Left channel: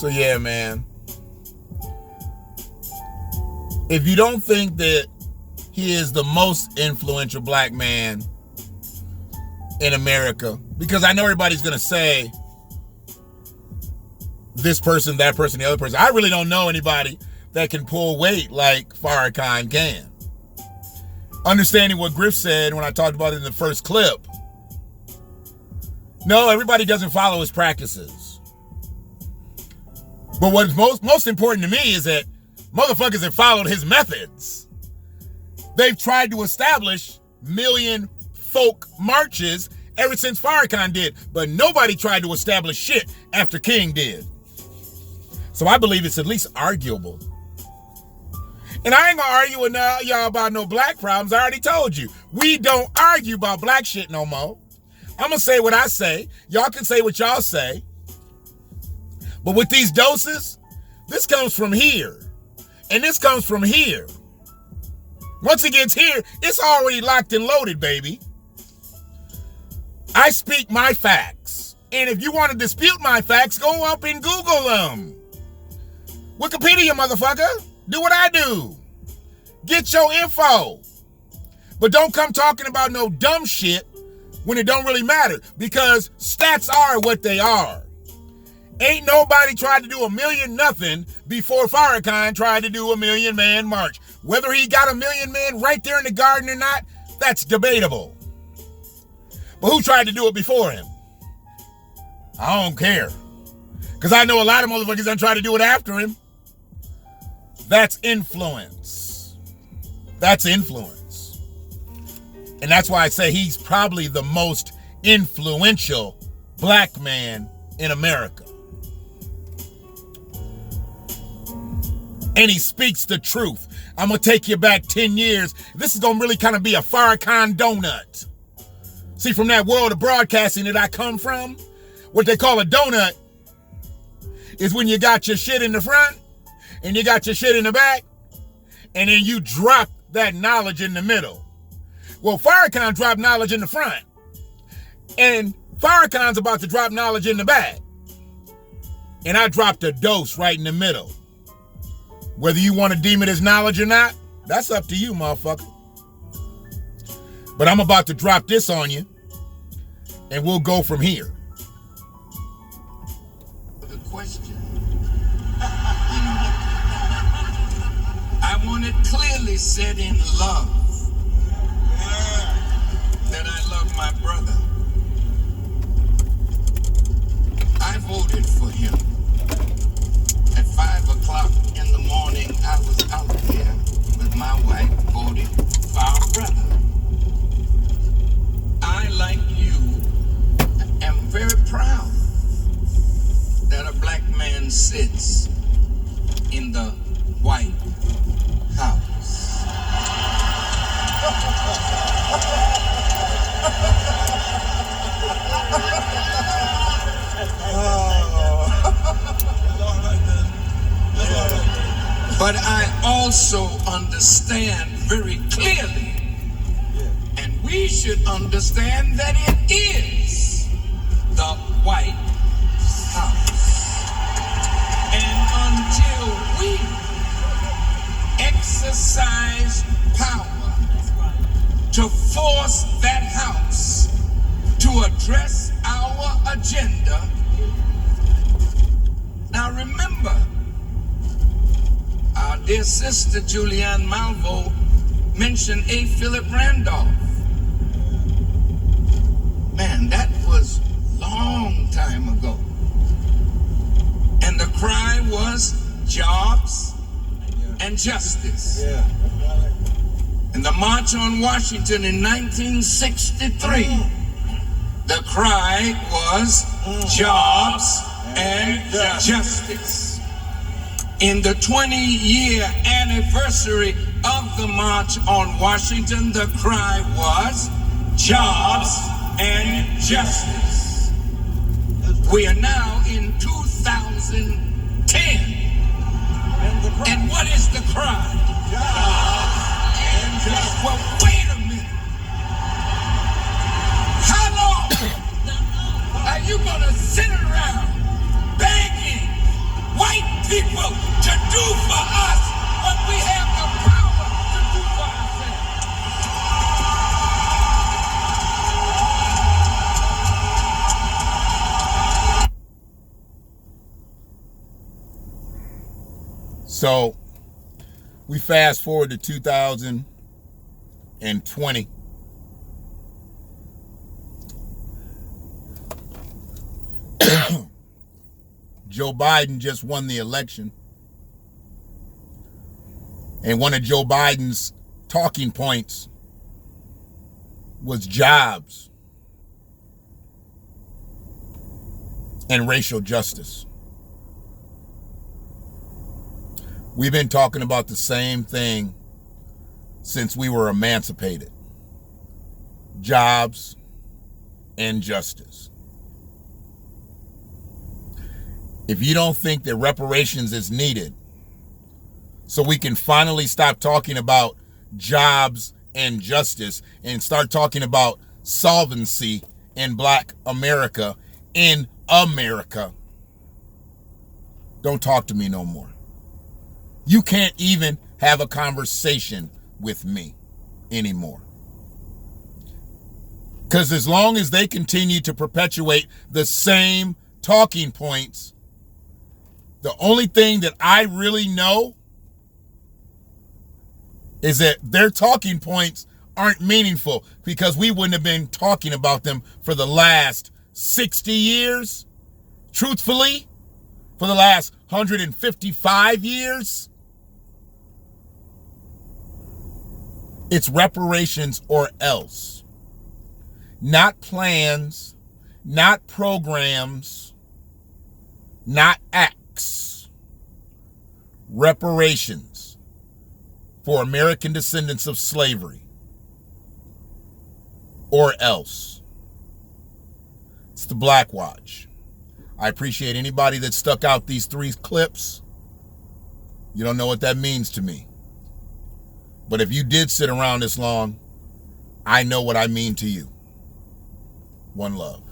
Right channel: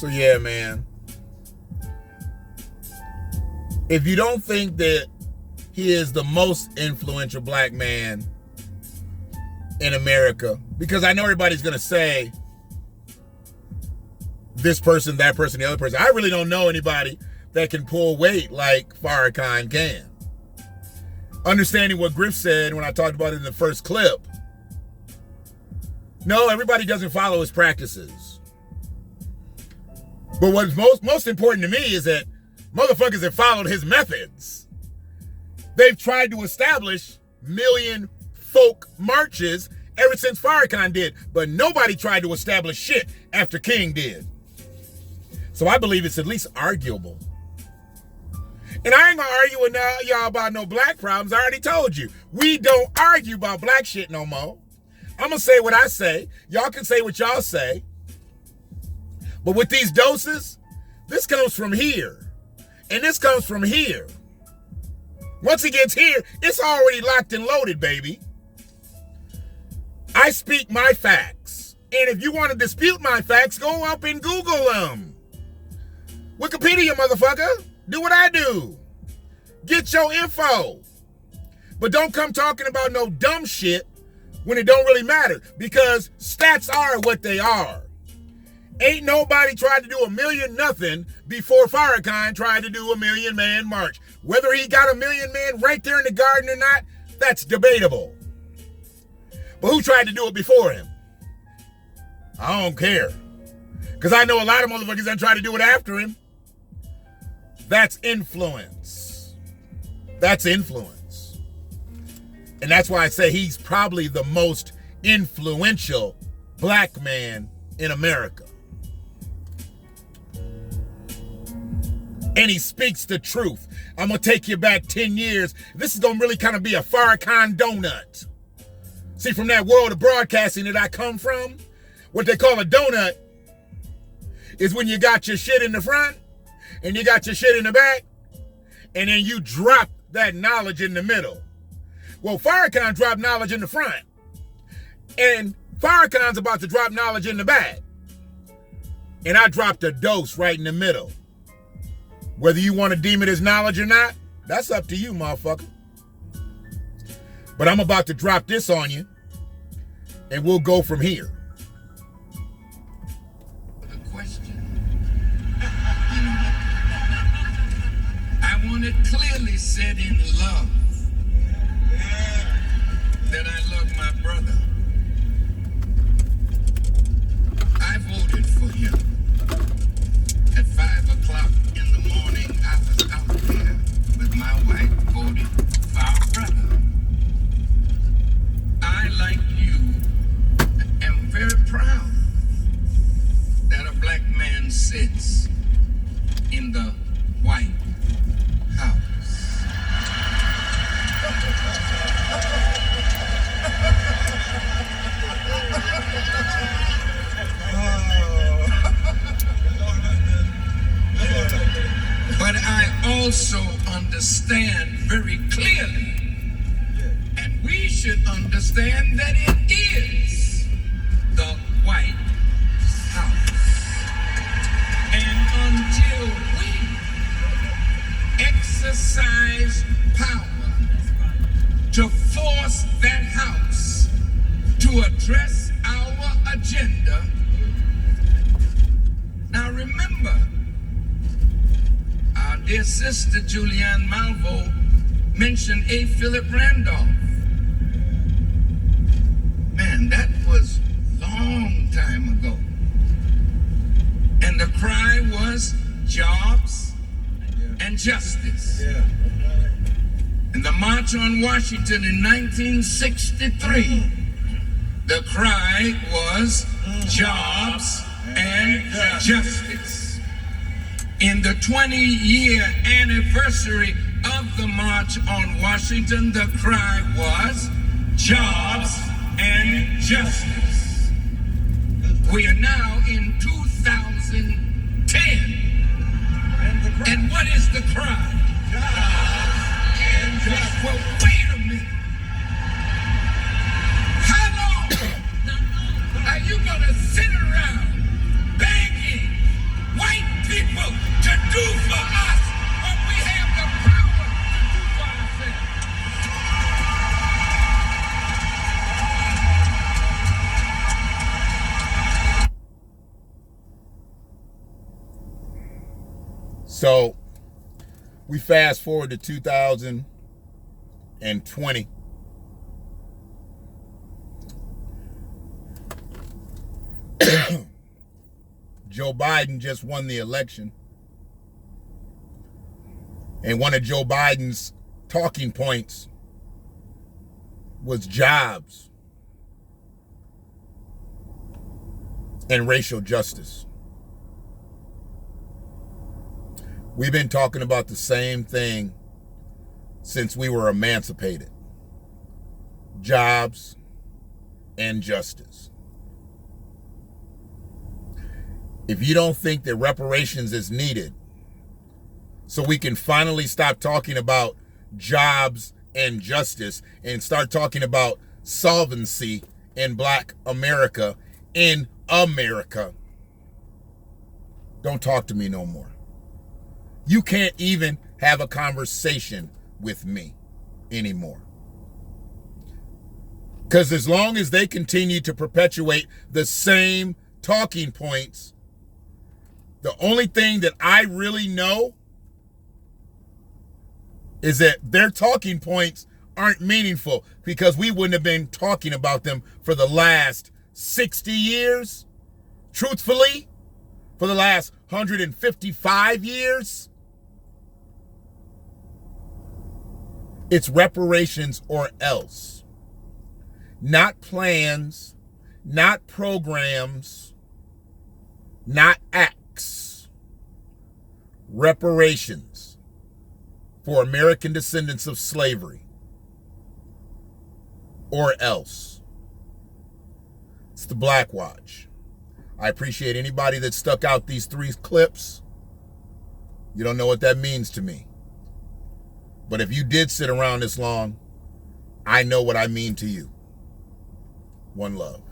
So yeah, man. If you don't think that he is the most influential black man in America, because I know everybody's going to say this person, that person, the other person. I really don't know anybody that can pull weight like Farrakhan can. Understanding what Griff said when I talked about it in the first clip. No, everybody doesn't follow his practices. But what's most important to me is that motherfuckers have followed his methods. They've tried to establish million folk marches ever since Farrakhan did, but nobody tried to establish shit after King did. So I believe it's at least arguable. And I ain't gonna argue with y'all about no black problems. I already told you. We don't argue about black shit no more. I'm gonna say what I say. Y'all can say what y'all say. But with these doses, this comes from here. And this comes from here. Once it gets here, it's already locked and loaded, baby. I speak my facts. And if you want to dispute my facts, go up and Google them. Wikipedia, motherfucker. Do what I do. Get your info. But don't come talking about no dumb shit when it don't really matter. Because stats are what they are. Ain't nobody tried to do a million nothing before Farrakhan tried to do a million man march. Whether he got a million men right there in the garden or not, that's debatable. But who tried to do it before him? I don't care. Because I know a lot of motherfuckers that tried to do it after him. That's influence. That's influence. And that's why I say he's probably the most influential black man in America. And he speaks the truth. I'm going to take you back 10 years. This is going to really kind of be a Farrakhan donut. See, from that world of broadcasting that I come from, what they call a donut is when you got your shit in the front and you got your shit in the back, and then you drop that knowledge in the middle. Well, Farrakhan dropped knowledge in the front, and Farrakhan's about to drop knowledge in the back. And I dropped a dose right in the middle. Whether you want to deem it as knowledge or not, that's up to you, motherfucker. But I'm about to drop this on you, and we'll go from here. The question. I want it clearly said in love that I love my brother. I voted for him. At 5 o'clock in the morning, I was out there with my wife voting for our brother. I, like you, am very proud that a black man sits in the White House. But I also understand very clearly, and we should understand, that it is the White House. And until we exercise power to force that house to address our agenda. Now remember, our dear sister Julianne Malvo mentioned A. Philip Randolph. Man, that was a long time ago. And the cry was jobs and justice. In the March on Washington in 1963, the cry was jobs and justice. In the 20-year anniversary of the March on Washington, the cry was jobs and justice. We are now in 2010. And what is the cry? Well, wait a minute. How long are you gonna sit around begging So we fast forward to 2020. Joe Biden just won the election. And one of Joe Biden's talking points was jobs and racial justice. We've been talking about the same thing since we were emancipated. Jobs and justice. If you don't think that reparations is needed so we can finally stop talking about jobs and justice and start talking about solvency in Black America, in America, don't talk to me no more. You can't even have a conversation with me anymore. Because as long as they continue to perpetuate the same talking points, the only thing that I really know is that their talking points aren't meaningful, because we wouldn't have been talking about them for the last 60 years. Truthfully, for the last 155 years. It's reparations or else. Not plans, not programs, not acts. Reparations for American descendants of slavery or else. It's the BlackWatch. I appreciate anybody that stuck out these 3 clips. You don't know what that means to me. But if you did sit around this long, I know what I mean to you. One love.